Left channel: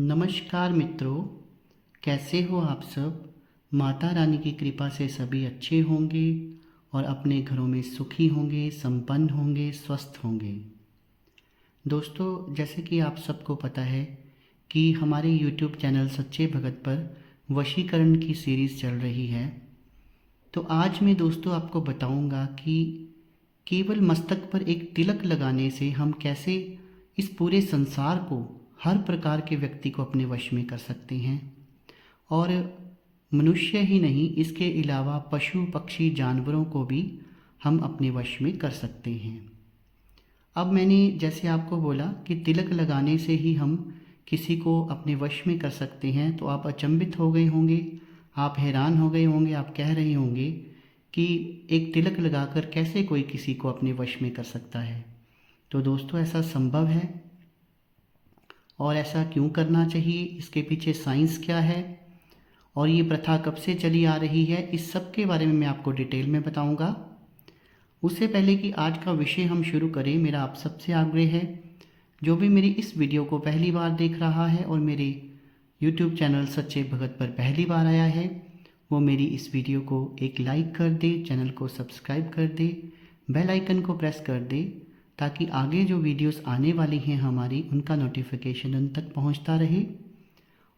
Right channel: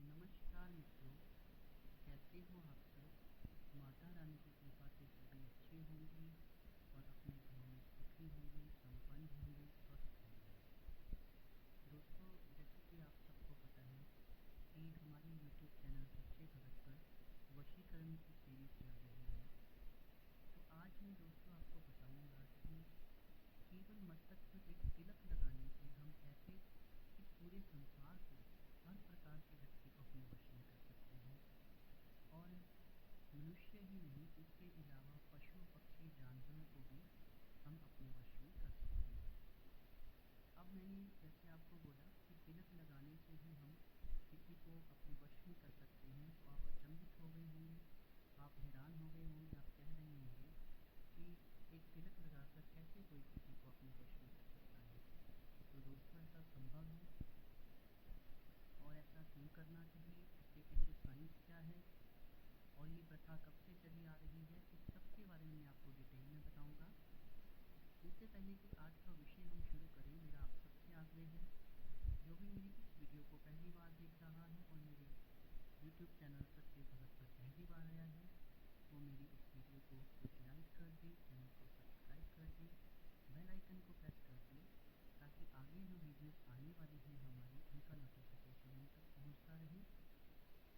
नमस्कार मित्रों, कैसे हो आप सब। माता रानी की कृपा से सभी अच्छे होंगे और अपने घरों में सुखी होंगे, संपन्न होंगे, स्वस्थ होंगे। दोस्तों, जैसे कि आप सबको पता है कि हमारे YouTube चैनल सच्चे भगत पर वशीकरण की सीरीज़ चल रही है। तो आज मैं दोस्तों आपको बताऊंगा कि केवल मस्तक पर एक तिलक लगाने से हम कैसे इस पूरे संसार को, हर प्रकार के व्यक्ति को अपने वश में कर सकते हैं। और मनुष्य ही नहीं, इसके अलावा पशु पक्षी जानवरों को भी हम अपने वश में कर सकते हैं। अब मैंने जैसे आपको बोला कि तिलक लगाने से ही हम किसी को अपने वश में कर सकते हैं, तो आप अचंभित हो गए होंगे, आप हैरान हो गए होंगे, आप कह रहे होंगे कि एक तिलक लगाकर कैसे कोई किसी को अपने वश में कर सकता है। तो दोस्तों, ऐसा संभव है। और ऐसा क्यों करना चाहिए, इसके पीछे साइंस क्या है और ये प्रथा कब से चली आ रही है, इस सब के बारे में मैं आपको डिटेल में बताऊंगा। उससे पहले कि आज का विषय हम शुरू करें, मेरा आप सबसे आग्रह है, जो भी मेरी इस वीडियो को पहली बार देख रहा है और मेरे YouTube चैनल सच्चे भगत पर पहली बार आया है, वो मेरी इस वीडियो को एक लाइक कर दे, चैनल को सब्सक्राइब कर दे, बेल आइकन को प्रेस कर दे, ताकि आगे जो वीडियोस आने वाली हैं हमारी, उनका नोटिफिकेशन उन तक पहुंचता रहे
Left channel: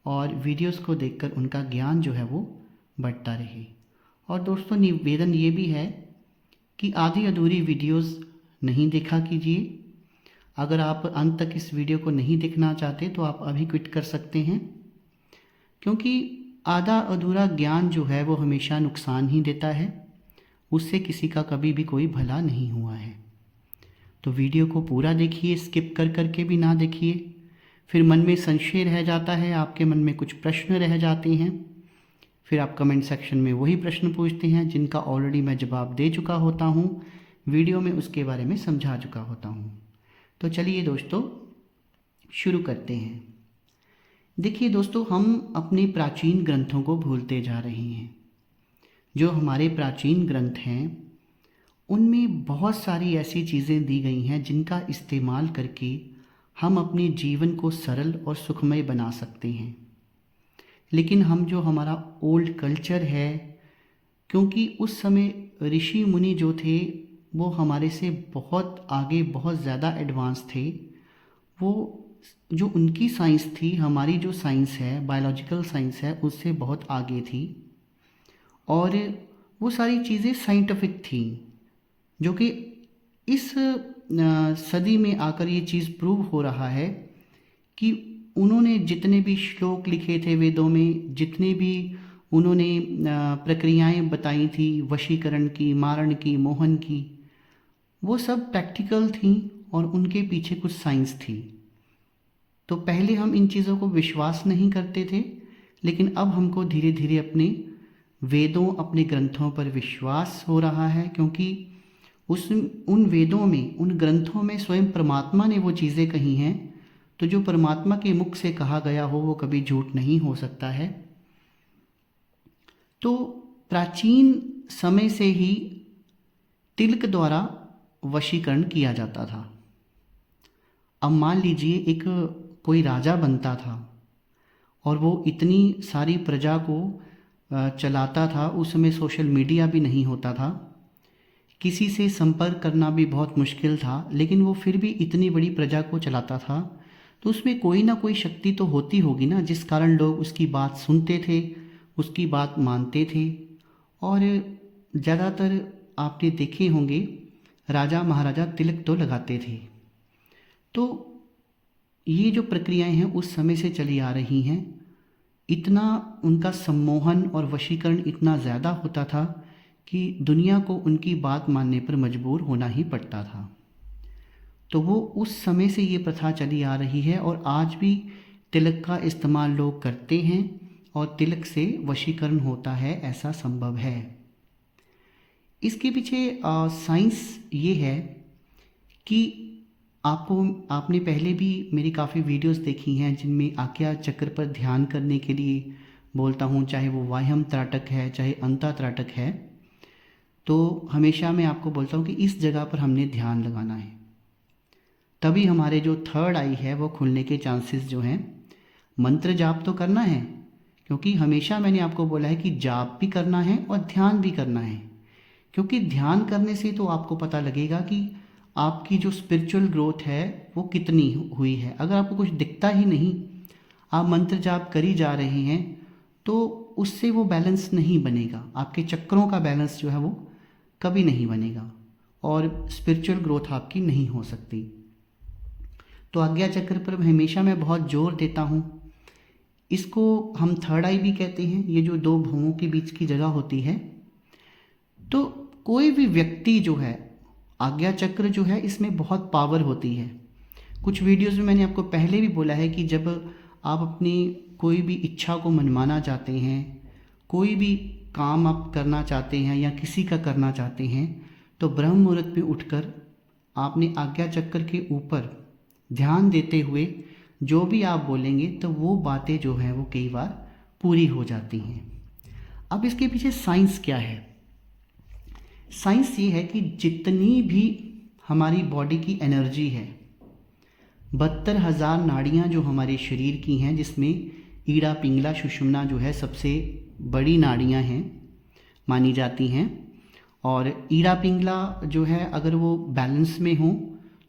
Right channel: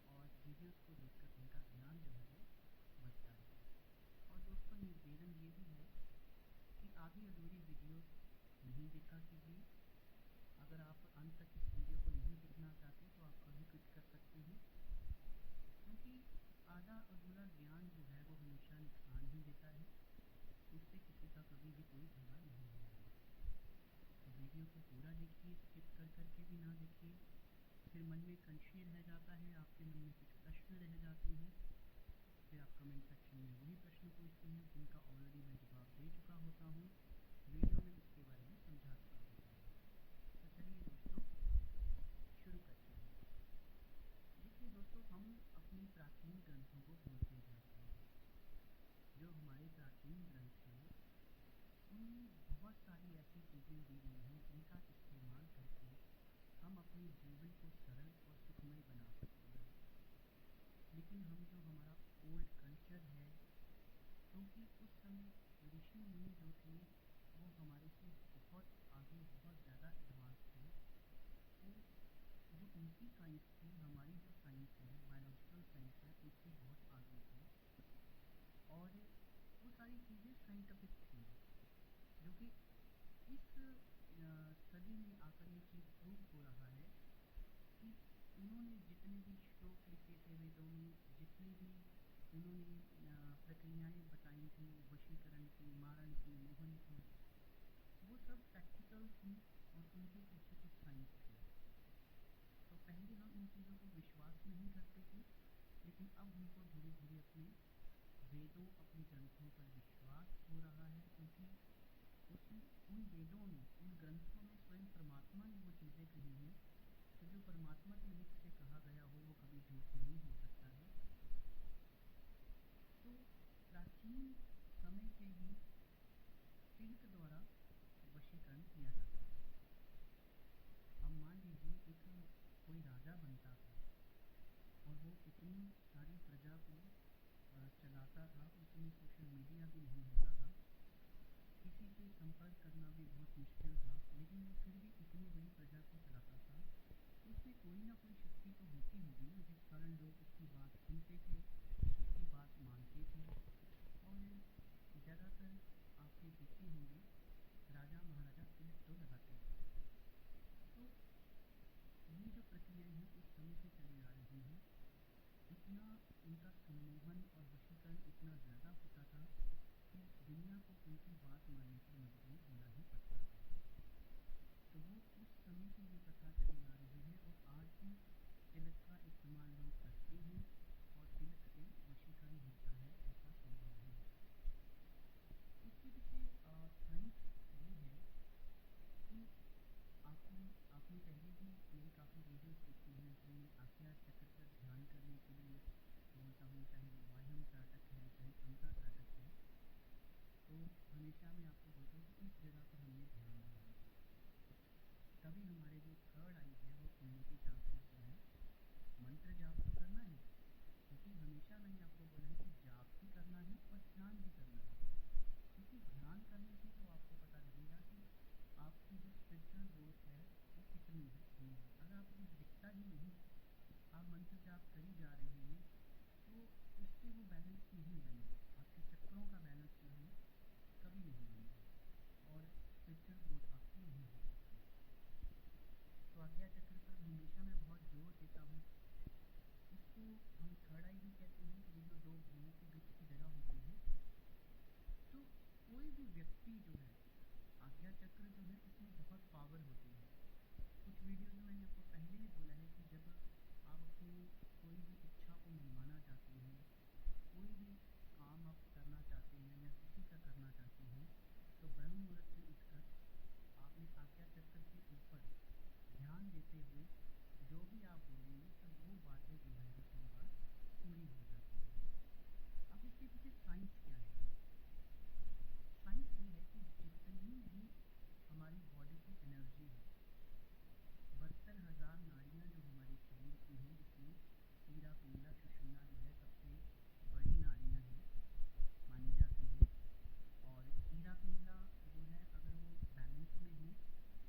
और वीडियोस को देखकर उनका ज्ञान जो है वो बढ़ता रहे। और दोस्तों, निवेदन ये भी है कि आधी अधूरी वीडियोस नहीं देखा कीजिए। अगर आप अंत तक इस वीडियो को नहीं देखना चाहते तो आप अभी क्विट कर सकते हैं, क्योंकि आधा अधूरा ज्ञान जो है वो हमेशा नुकसान ही देता है, उससे किसी का कभी भी कोई भला नहीं हुआ है। तो वीडियो को पूरा देखिए, स्किप कर करके भी ना देखिए, फिर मन में संशय रह जाता है, आपके मन में कुछ प्रश्न रह जाते हैं, फिर आप कमेंट सेक्शन में वही प्रश्न पूछते हैं जिनका ऑलरेडी मैं जवाब दे चुका होता हूँ, वीडियो में उसके बारे में समझा चुका होता हूँ। तो चलिए दोस्तों, शुरू करते हैं। देखिए दोस्तों, हम अपने प्राचीन ग्रंथों को भूलते जा रहे हैं। जो हमारे प्राचीन ग्रंथ हैं उनमें बहुत सारी ऐसी चीज़ें दी गई हैं जिनका इस्तेमाल करके हम अपने जीवन को सरल और सुखमय बना सकते हैं। लेकिन हम जो हमारा ओल्ड कल्चर है, क्योंकि उस समय ऋषि मुनि जो थे वो हमारे से बहुत आगे, बहुत ज़्यादा एडवांस थे। वो जो उनकी साइंस थी, हमारी जो साइंस है, बायोलॉजिकल साइंस है, उससे बहुत आगे थी। और वो सारी चीज़ें साइंटिफिक थी, जो कि इस सदी में आकर ये चीज़ प्रूव हो रहा है कि उन्होंने जितने भी श्लोक लिखे थे वेदों में, जितने भी उन्होंने प्रक्रियाएं बताई थी वशीकरण की, मारण की, मोहन की, वो सब प्रैक्टिकल थी और उनके पीछे कुछ साइंस थी। तो पहले हम इन चीज़ों को विश्वास नहीं करते थे, लेकिन अब हमको धीरे धीरे अपने वेदों, अपने ग्रंथों पर विश्वास हो रहा है, क्योंकि उन वेदों में, उन ग्रंथों में स्वयं परमात्मा ने वो चीज़ें कही हैं। तो जो परमात्मा के मुख से कहा गया हो वो कभी झूठ नहीं हो सकता है। तो प्राचीन समय से ही तिलक द्वारा वशीकरण किया जाता था। अब मान लीजिए एक कोई राजा बनता था और वो इतनी सारी प्रजा को चलाता था। उस समय सोशल मीडिया भी नहीं होता था, किसी से संपर्क करना भी बहुत मुश्किल था, लेकिन वो फिर भी इतनी बड़ी प्रजा को चलाता था। तो उसमें कोई ना कोई शक्ति तो होती होगी ना, जिस कारण लोग उसकी बात सुनते थे, उसकी बात मानते थे। और ज़्यादातर आपने देखे होंगे राजा महाराजा तिलक तो लगाते थे। तो ये जो प्रक्रियाएं हैं उस समय से चली आ रही हैं। इतना उनका सम्मोहन और वशीकरण इतना ज़्यादा होता था कि दुनिया को उनकी बात मानने पर मजबूर होना ही पड़ता था। तो वो उस समय से ये प्रथा चली आ रही है और आज भी तिलक का इस्तेमाल लोग करते हैं और तिलक से वशीकरण होता है, ऐसा संभव है। इसके पीछे साइंस ये है कि आपने पहले भी मेरी काफ़ी वीडियोस देखी हैं जिनमें आज्ञा चक्र पर ध्यान करने के लिए बोलता हूँ, चाहे वो वाह्यम त्राटक है, चाहे अंता त्राटक है। तो हमेशा मैं आपको बोलता हूँ कि इस जगह पर हमने ध्यान लगाना है, तभी हमारे जो थर्ड आई है वो खुलने के चांसेस जो हैं मंत्र जाप तो करना है, क्योंकि हमेशा मैंने आपको बोला है कि जाप भी करना है और ध्यान भी करना है। क्योंकि ध्यान करने से तो आपको पता लगेगा कि आपकी जो स्पिरिचुअल ग्रोथ है वो कितनी हुई है। अगर आपको कुछ दिखता ही नहीं, आप मंत्र जाप करी जा रहे हैं, तो उससे वो बैलेंस नहीं बनेगा। आपके चक्रों का बैलेंस जो है वो कभी नहीं बनेगा और स्पिरिचुअल ग्रोथ आपकी नहीं हो सकती। तो आज्ञा चक्र पर हमेशा मैं बहुत जोर देता हूँ। इसको हम थर्ड आई भी कहते हैं, ये जो दो भुवों के बीच की जगह होती है। तो कोई भी व्यक्ति जो है, आज्ञा चक्र जो है इसमें बहुत पावर होती है। कुछ वीडियोस में मैंने आपको पहले भी बोला है कि जब आप अपनी कोई भी इच्छा को मनवाना चाहते हैं, कोई भी काम आप करना चाहते हैं या किसी का करना चाहते हैं, तो ब्रह्म मुहूर्त में उठकर आपने आज्ञा चक्र के ऊपर ध्यान देते हुए जो भी आप बोलेंगे तो वो बातें जो हैं वो कई बार पूरी हो जाती हैं। अब इसके पीछे साइंस क्या है? साइंस ये है कि जितनी भी हमारी बॉडी की एनर्जी है, 72,000 नाड़ियाँ जो हमारे शरीर की हैं, जिसमें ईड़ा पिंगला सुषुम्ना जो है सबसे बड़ी नाड़ियाँ हैं मानी जाती हैं। और ईड़ा पिंगला जो है अगर वो बैलेंस में हो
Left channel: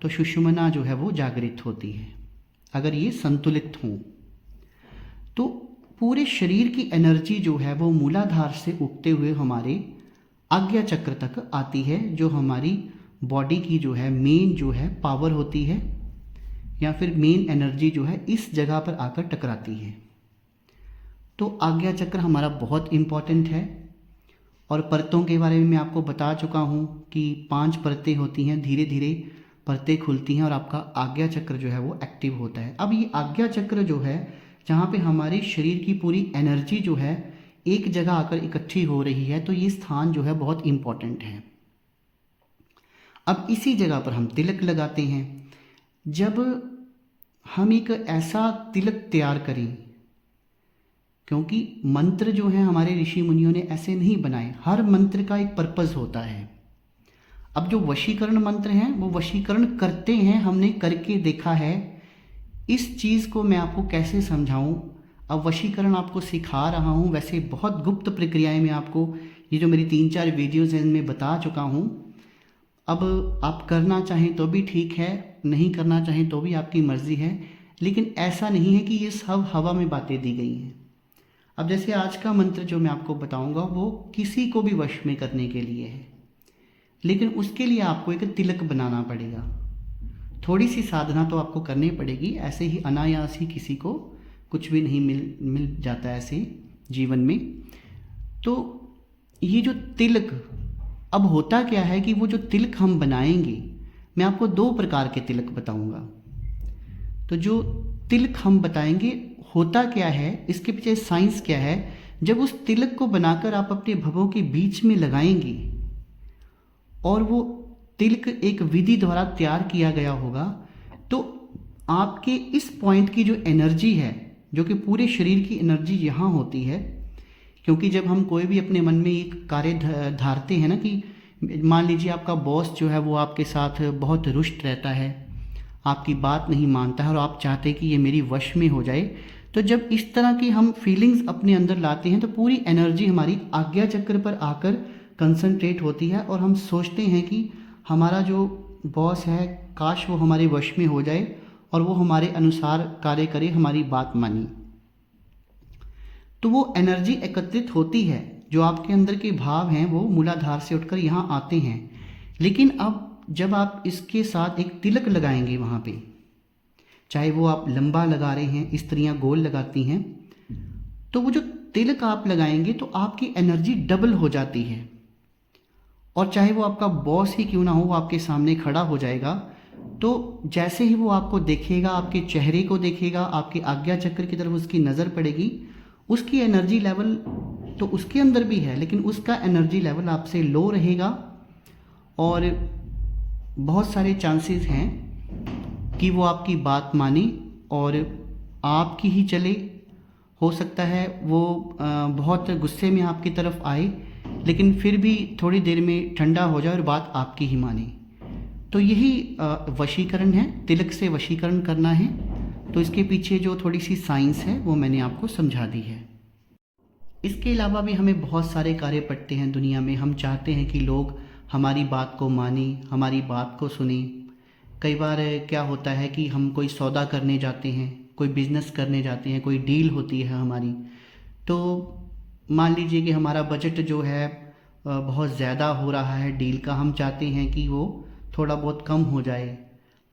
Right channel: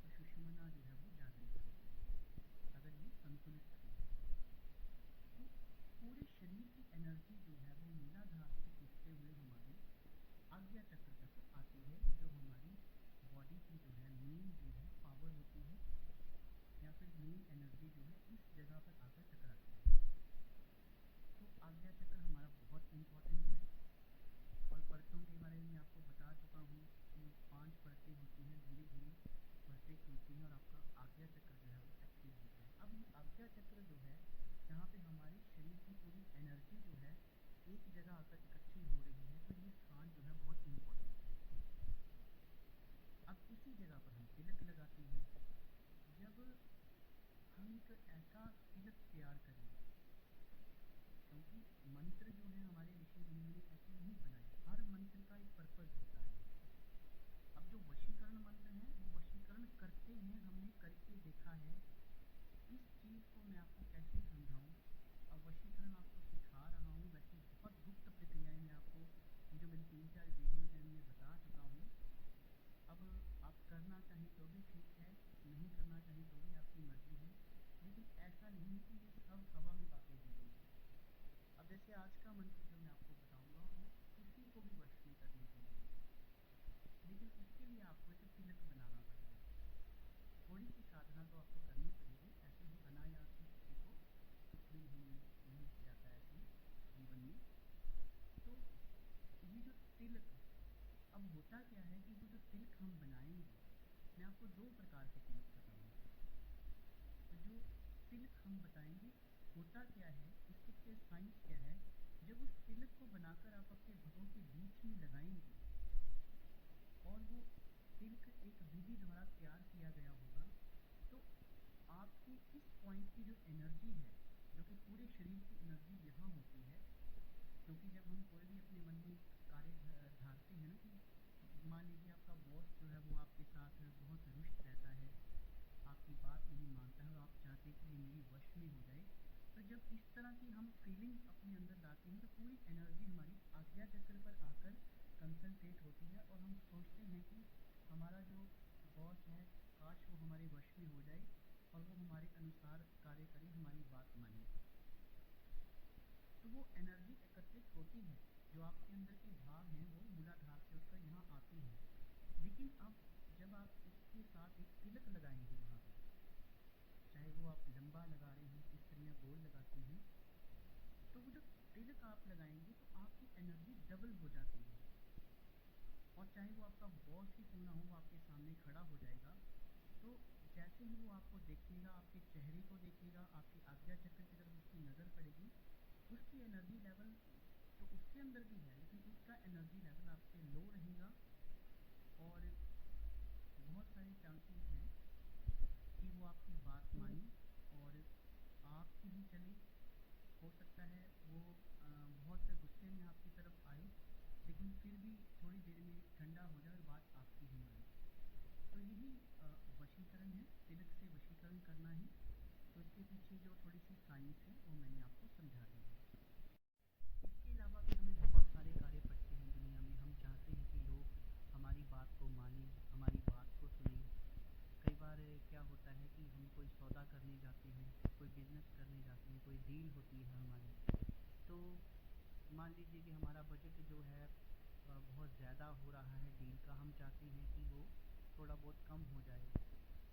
तो सुषुम्ना जो है वो जागृत होती है। अगर ये संतुलित हों तो पूरे शरीर की एनर्जी जो है वो मूलाधार से उठते हुए हमारे आज्ञा चक्र तक आती है, जो हमारी बॉडी की जो है मेन जो है पावर होती है या फिर मेन एनर्जी जो है इस जगह पर आकर टकराती है। तो आज्ञा चक्र हमारा बहुत इम्पॉर्टेंट है। और परतों के बारे में मैं आपको बता चुका हूँ कि 5 परतें होती हैं, धीरे धीरे परतें खुलती हैं और आपका आज्ञा चक्र जो है वो एक्टिव होता है। अब ये आज्ञा चक्र जो है, जहाँ पे हमारे शरीर की पूरी एनर्जी जो है एक जगह आकर इकट्ठी हो रही है, तो ये स्थान जो है बहुत इम्पॉर्टेंट है। अब इसी जगह पर हम तिलक लगाते हैं। जब हम एक ऐसा तिलक तैयार करें, क्योंकि मंत्र जो है हमारे ऋषि मुनियों ने ऐसे नहीं बनाए, हर मंत्र का एक पर्पज़ होता है। अब जो वशीकरण मंत्र हैं वो वशीकरण करते हैं, हमने करके देखा है। इस चीज़ को मैं आपको कैसे समझाऊं? अब वशीकरण आपको सिखा रहा हूं, वैसे बहुत गुप्त प्रक्रियाएं मैं आपको ये जो मेरी 3-4 वीडियोज़ हैं इनमें बता चुका हूं। अब आप करना चाहें तो भी ठीक है, नहीं करना चाहें तो भी आपकी मर्ज़ी है, लेकिन ऐसा नहीं है कि ये सब हवा में बातें दी गई हैं। अब जैसे आज का मंत्र जो मैं आपको बताऊंगा वो किसी को भी वश में करने के लिए है, लेकिन उसके लिए आपको एक तिलक बनाना पड़ेगा। थोड़ी सी साधना तो आपको करनी पड़ेगी, ऐसे ही अनायास ही किसी को कुछ भी नहीं मिल जाता है ऐसे जीवन में। तो ये जो तिलक, अब होता क्या है कि वो जो तिलक हम बनाएंगे, मैं आपको 2 प्रकार के तिलक बताऊंगा। तो जो तिलक हम बताएंगे होता क्या है, इसके पीछे साइंस क्या है। जब उस तिलक को बनाकर आप अपने भवों के बीच में लगाएंगे और वो तिलक एक विधि द्वारा तैयार किया गया होगा, तो आपके इस पॉइंट की जो एनर्जी है, जो कि पूरे शरीर की एनर्जी यहाँ होती है। क्योंकि जब हम कोई भी अपने मन में एक कार्य धारते हैं ना, कि मान लीजिए आपका बॉस जो है वो आपके साथ बहुत रुष्ट रहता है, आपकी बात नहीं मानता है और आप चाहते हैं कि ये मेरी वश में हो जाए, तो जब इस तरह की हम फीलिंग्स अपने अंदर लाते हैं तो पूरी एनर्जी हमारी आज्ञा चक्र पर आकर कंसंट्रेट होती है और हम सोचते हैं कि हमारा जो बॉस है काश वो हमारे वश में हो जाए और वो हमारे अनुसार कार्य करे, हमारी बात मानी। तो वो एनर्जी एकत्रित होती है, जो आपके अंदर के भाव हैं वो मूलाधार से उठकर यहाँ आते हैं। लेकिन अब जब आप इसके साथ एक तिलक लगाएंगे वहाँ पे, चाहे वो आप लंबा लगा रहे हैं, स्त्रियाँ गोल लगाती हैं, तो वो जो तिलक आप लगाएंगे तो आपकी एनर्जी डबल हो जाती है। और चाहे वो आपका बॉस ही क्यों ना हो, वो आपके सामने खड़ा हो जाएगा, तो जैसे ही वो आपको देखेगा, आपके चेहरे को देखेगा, आपके आज्ञा चक्र की तरफ उसकी नज़र पड़ेगी, उसकी एनर्जी लेवल तो उसके अंदर भी है, लेकिन उसका एनर्जी लेवल आपसे लो रहेगा और बहुत सारे चांसेस हैं कि वो आपकी बात माने और आपकी ही चले। हो सकता है वो बहुत गुस्से में आपकी तरफ आए, लेकिन फिर भी थोड़ी देर में ठंडा हो जाए और बात आपकी ही माने। तो यही वशीकरण है, तिलक से वशीकरण करना है। तो इसके पीछे जो थोड़ी सी साइंस है वो मैंने आपको समझा दी है। इसके अलावा भी हमें बहुत सारे कार्य पड़ते हैं दुनिया में। हम चाहते हैं कि लोग हमारी बात को मानें, हमारी बात को सुने। कई बार क्या होता है कि हम कोई सौदा करने जाते हैं, कोई बिज़नेस करने जाते हैं, कोई डील होती है हमारी, तो मान लीजिए कि हमारा बजट जो है बहुत ज़्यादा हो रहा है डील का, हम चाहते हैं कि वो थोड़ा बहुत कम हो जाए।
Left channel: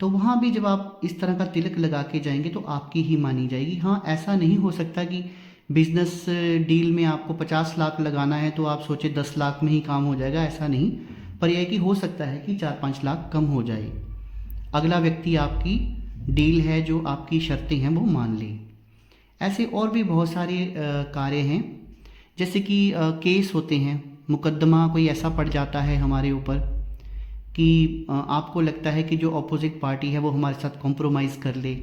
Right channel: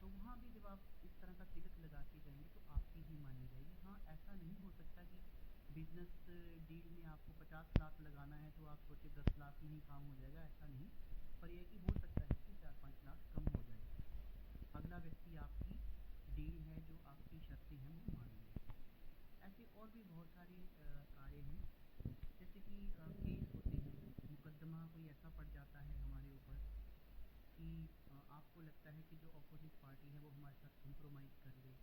तो वहाँ भी जब आप इस तरह का तिलक लगा के जाएंगे तो आपकी ही मानी जाएगी। हाँ, ऐसा नहीं हो सकता कि बिजनेस डील में आपको 50 लाख लगाना है तो आप सोचे 10 लाख में ही काम हो जाएगा, ऐसा नहीं। पर यह कि हो सकता है कि 4-5 लाख कम हो जाए, अगला व्यक्ति आपकी डील है जो आपकी शर्तें हैं वो मान ले। ऐसे और भी बहुत सारे कार्य हैं, जैसे कि केस होते हैं, मुकदमा कोई ऐसा पड़ जाता है हमारे ऊपर कि आपको लगता है कि जो अपोजिट पार्टी है वो हमारे साथ कॉम्प्रोमाइज़ कर ले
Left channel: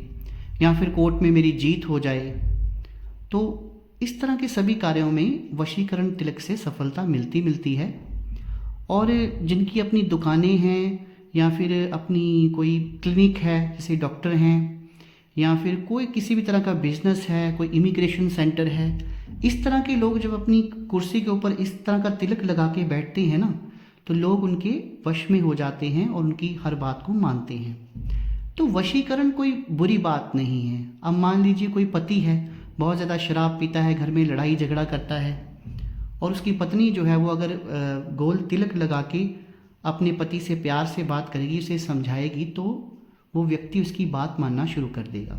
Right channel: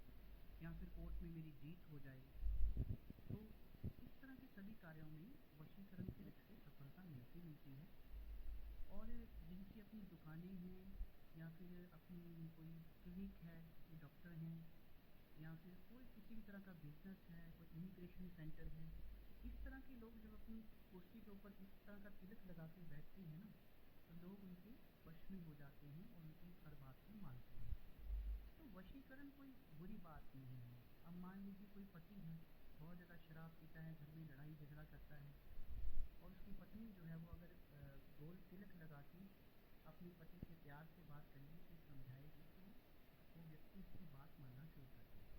या फिर कोर्ट में मेरी जीत हो जाए। तो इस तरह के सभी कार्यों में वशीकरण तिलक से सफलता मिलती मिलती है। और जिनकी अपनी दुकानें हैं या फिर अपनी कोई क्लिनिक है, जैसे डॉक्टर हैं, या फिर कोई किसी भी तरह का बिजनेस है, कोई इमिग्रेशन सेंटर है, इस तरह के लोग जब अपनी कुर्सी के ऊपर इस तरह का तिलक लगा के बैठते हैं ना, तो लोग उनके वश में हो जाते हैं और उनकी हर बात को मानते हैं। तो वशीकरण कोई बुरी बात नहीं है। अब मान लीजिए कोई पति है, बहुत ज़्यादा शराब पीता है, घर में लड़ाई झगड़ा करता है, और उसकी पत्नी जो है वो अगर गोल तिलक लगा के अपने पति से प्यार से बात करेगी, उसे समझाएगी, तो वो व्यक्ति उसकी बात मानना शुरू कर देगा।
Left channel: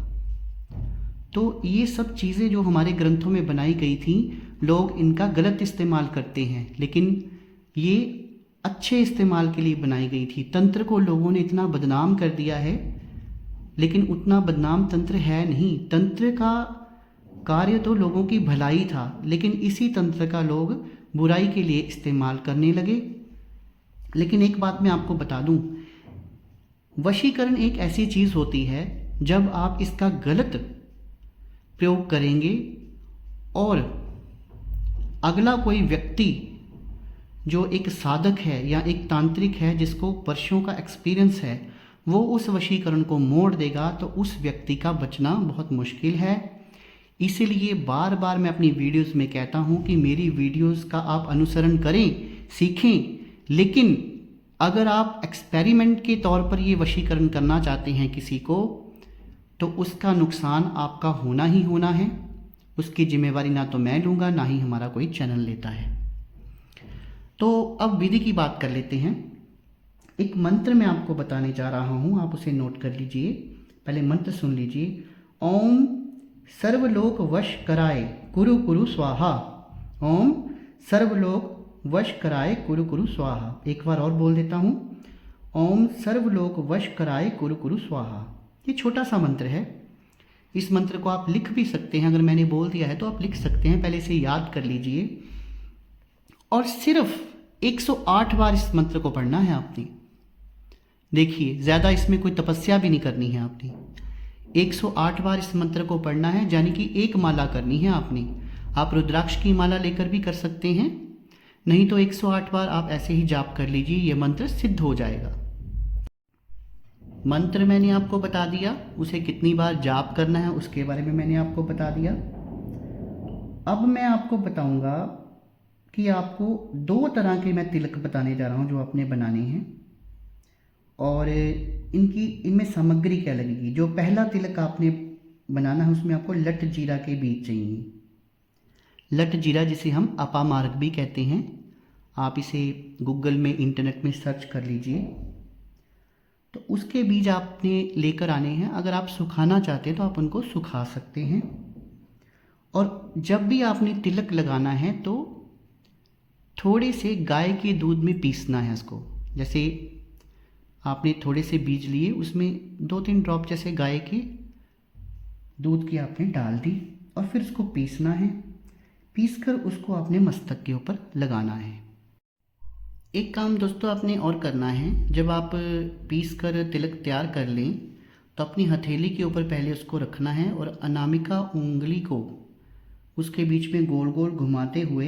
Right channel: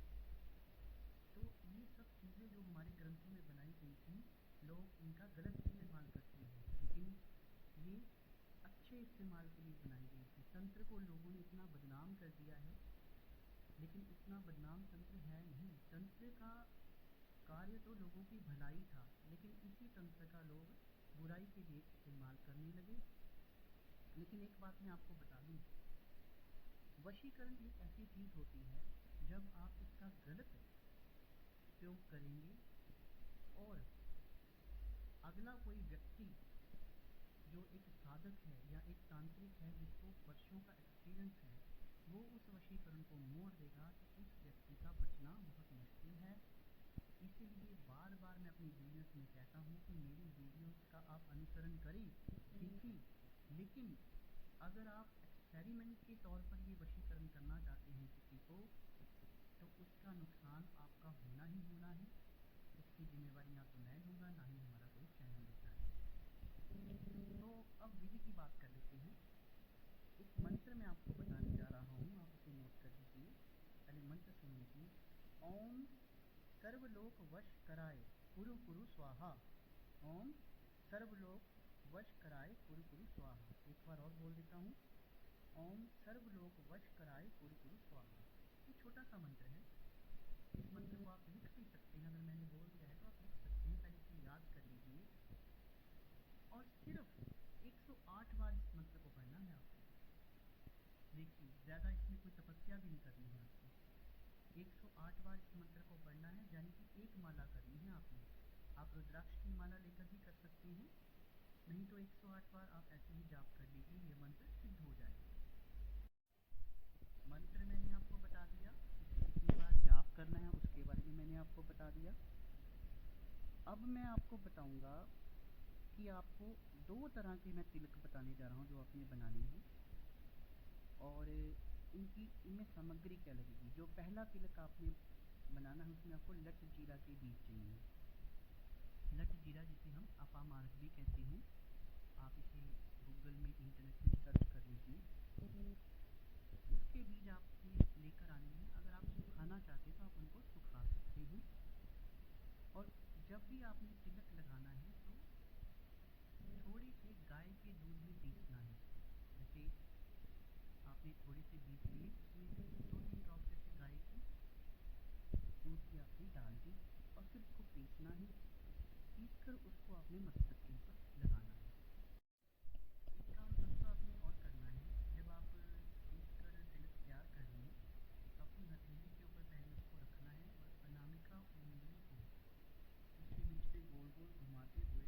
तो ये सब चीज़ें जो हमारे ग्रंथों में बनाई गई थी, लोग इनका गलत इस्तेमाल करते हैं, लेकिन ये अच्छे इस्तेमाल के लिए बनाई गई थी। तंत्र को लोगों ने इतना बदनाम कर दिया है, लेकिन उतना बदनाम तंत्र है नहीं। तंत्र का कार्य तो लोगों की भलाई था, लेकिन इसी तंत्र का लोग बुराई के लिए इस्तेमाल करने लगे। लेकिन एक बात मैं आपको बता दूं, वशीकरण एक ऐसी चीज़ होती है जब आप इसका गलत प्रयोग करेंगे और अगला कोई व्यक्ति जो एक साधक है या एक तांत्रिक है जिसको वर्षों का एक्सपीरियंस है, वो उस वशीकरण को मोड़ देगा, तो उस व्यक्ति का बचना बहुत मुश्किल है। इसीलिए बार बार मैं अपनी वीडियोस में कहता हूँ कि मेरी वीडियोस का आप अनुसरण करें, सीखें, लेकिन अगर आप एक्सपेरिमेंट के तौर पर ये वशीकरण करना चाहते हैं किसी को, तो उसका नुकसान आपका होना ही होना है। उसकी जिम्मेवारी ना तो मैं लूँगा, ना ही हमारा कोई चैनल लेता है। तो अब विधि की बात कर लेते हैं। एक मंत्र मैं आपको बताने जा रहा हूँ, आप उसे नोट कर लीजिए। पहले मंत्र सुन लीजिए। ओम सर्वलोक वश कराए कुरु कुरु स्वाहा। ओम सर्वलोक वश कराए कुरु कुरु स्वाहा। एक बार और बोल देता हूँ। ओम सर्वलोक वश कराए कुरु कुरु स्वाहा। ये छोटा सा मंत्र है। इस मंत्र को आप लिख भी सकते हैं, अगर मैंने बोल दिया है तो आप लिख सकते हैं। पहले इसे याद कर लीजिए और सिर्फ 108 बार इस मंत्र को पढ़ना है आपने। देखिए, ज़्यादा इसमें कोई तपस्या भी नहीं करनी है आपने। 108 बार इस मंत्र को पढ़ना है, यानी कि एक माला करनी है आपने। आप रुद्राक्ष की माला लेकर भी कर सकते हैं, नहीं तो 108 बार आप ऐसे ही जाप कर लीजिए, ये मंत्र सिद्ध हो जाएगा। मंत्र मैंने आपको बता दिया, उसे कितनी बार जाप करना है उसके बारे में मैंने आपको बता दिया। अब मैं आपको बताऊंगा कि आपको 2 तरह के मैं तिलक बताने जा रहा हूँ जो आपने बनाने हैं, और इनमें सामग्री क्या लगेगी। जो पहला तिलक आपने बनाना है उसमें आपको लट जीरा के बीज चाहिए। लट जीरा जिसे हम अपामार्ग भी कहते हैं, आप इसे गूगल में, इंटरनेट में सर्च कर लीजिए। तो उसके बीज आपने लेकर आने हैं। अगर आप सुखाना चाहते हैं तो आप उनको सुखा सकते हैं। और जब भी आपने तिलक लगाना है तो थोड़े से गाय के दूध में पीसना है इसको। जैसे आपने थोड़े से बीज लिए, उसमें 2-3 ड्रॉप जैसे गाय के दूध की आपने डाल दी और फिर उसको पीसना है। पीसकर उसको आपने मस्तक के ऊपर लगाना है। एक काम दोस्तों आपने और करना है, जब आप पीस कर तिलक तैयार कर लें तो अपनी हथेली के ऊपर पहले उसको रखना है और अनामिका उंगली को उसके बीच में गोल गोल घुमाते हुए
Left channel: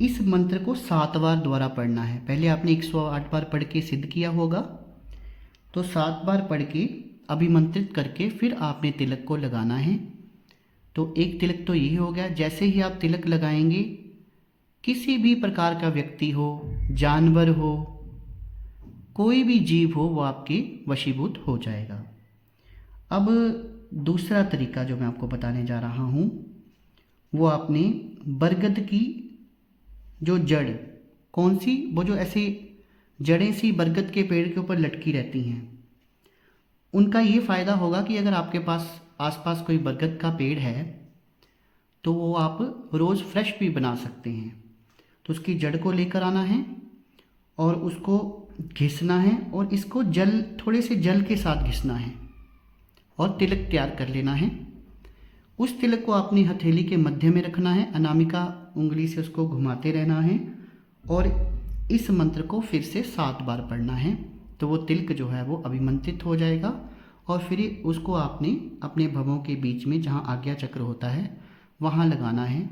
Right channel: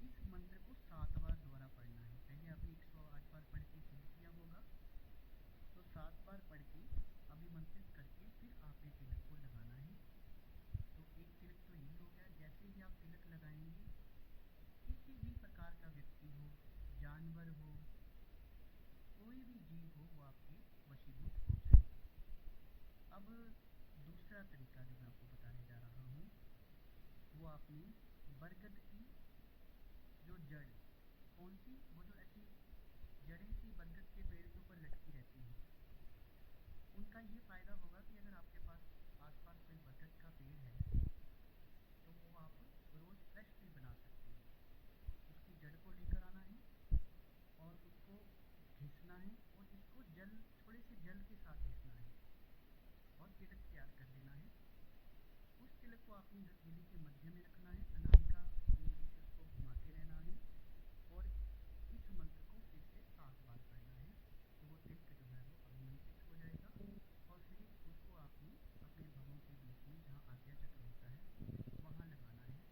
इस मंत्र को 7 बार दोबारा पढ़ना है। पहले आपने 108 बार पढ़ के सिद्ध किया होगा, तो 7 बार पढ़ के अभिमंत्रित करके फिर आपने तिलक को लगाना है। तो एक तिलक तो यही हो गया। जैसे ही आप तिलक लगाएंगे, किसी भी प्रकार का व्यक्ति हो, जानवर हो, कोई भी जीव हो, वो आपके वशीभूत हो जाएगा। अब दूसरा तरीका जो मैं आपको बताने जा रहा हूँ, वो आपने बरगद की जो जड़, कौन सी, वो जो ऐसे जड़ें सी बरगद के पेड़ के ऊपर लटकी रहती हैं, उनका ये फ़ायदा होगा कि अगर आपके पास आसपास कोई बरगद का पेड़ है तो वो आप रोज़ फ्रेश भी बना सकते हैं। तो उसकी जड़ को लेकर आना है और उसको घिसना है और इसको जल, थोड़े से जल के साथ घिसना है और तिलक तैयार कर लेना है। उस तिलक को अपनी हथेली के मध्य में रखना है, अनामिका उंगली से उसको घुमाते रहना है और इस मंत्र को फिर से 7 बार पढ़ना है। तो वो तिलक जो है वो अभिमंत्रित हो जाएगा और फिर उसको आपने अपने भवों के बीच में, जहाँ आज्ञा चक्र होता है, वहाँ लगाना है।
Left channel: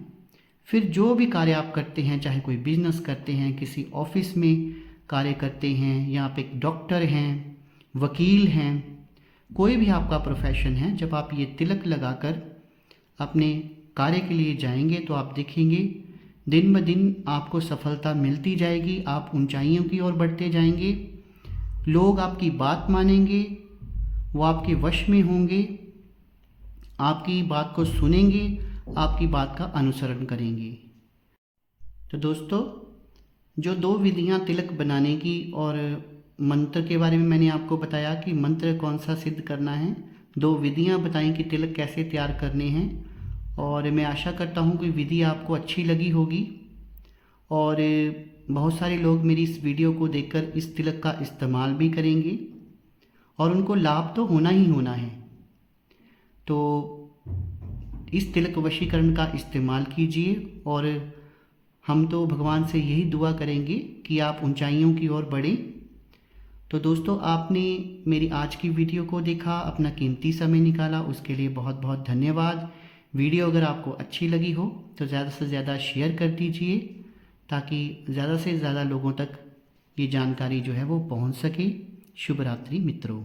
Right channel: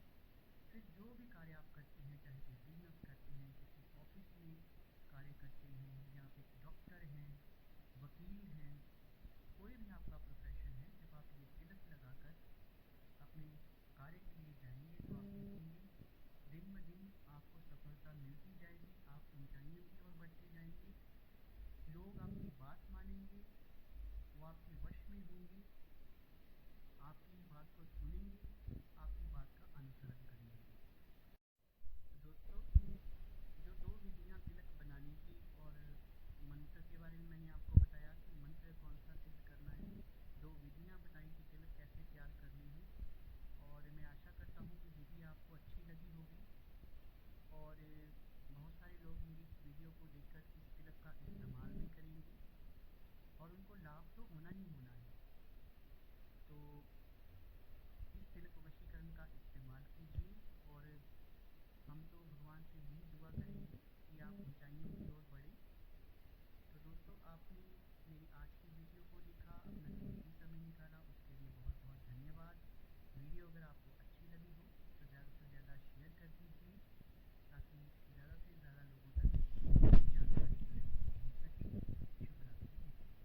फिर जो भी कार्य आप करते हैं, चाहे कोई बिजनेस करते हैं, किसी ऑफिस में कार्य करते हैं, या आप एक डॉक्टर हैं, वकील हैं, कोई भी आपका प्रोफेशन है, जब आप ये तिलक लगाकर अपने कार्य के लिए जाएंगे तो आप देखेंगे दिन ब दिन आपको सफलता मिलती जाएगी, आप ऊंचाइयों की ओर बढ़ते जाएंगे, लोग आपकी बात मानेंगे, वो आपके वश में होंगे, आपकी बात को सुनेंगे, आपकी बात का अनुसरण करेंगे। तो दोस्तों, जो 2 विधियां तिलक बनाने की और मंत्र के बारे में मैंने आपको बताया कि मंत्र कौन सा सिद्ध करना है, 2 विधियां बताई कि तिलक कैसे तैयार करने हैं, और मैं आशा करता हूं कि विधि आपको अच्छी लगी होगी और बहुत सारे लोग मेरी इस वीडियो को देखकर इस तिलक का इस्तेमाल भी करेंगे और उनको लाभ तो होना ही होना है। तो इस तिलक वशीकरण का इस्तेमाल कीजिए और हम तो भगवान से यही दुआ करेंगे कि आप ऊंचाइयों की ओर बढ़ें। तो दोस्तों, आपने मेरी आज की वीडियो को देखा, अपना कीमती समय निकाला, उसके लिए बहुत बहुत धन्यवाद। वीडियो अगर आपको अच्छी लगी हो तो ज़्यादा से ज़्यादा शेयर कर दीजिए ताकि ज़्यादा से ज़्यादा लोगों तक ये जानकारी जो है वो पहुंच सके। शुभ रात्रि मित्रों।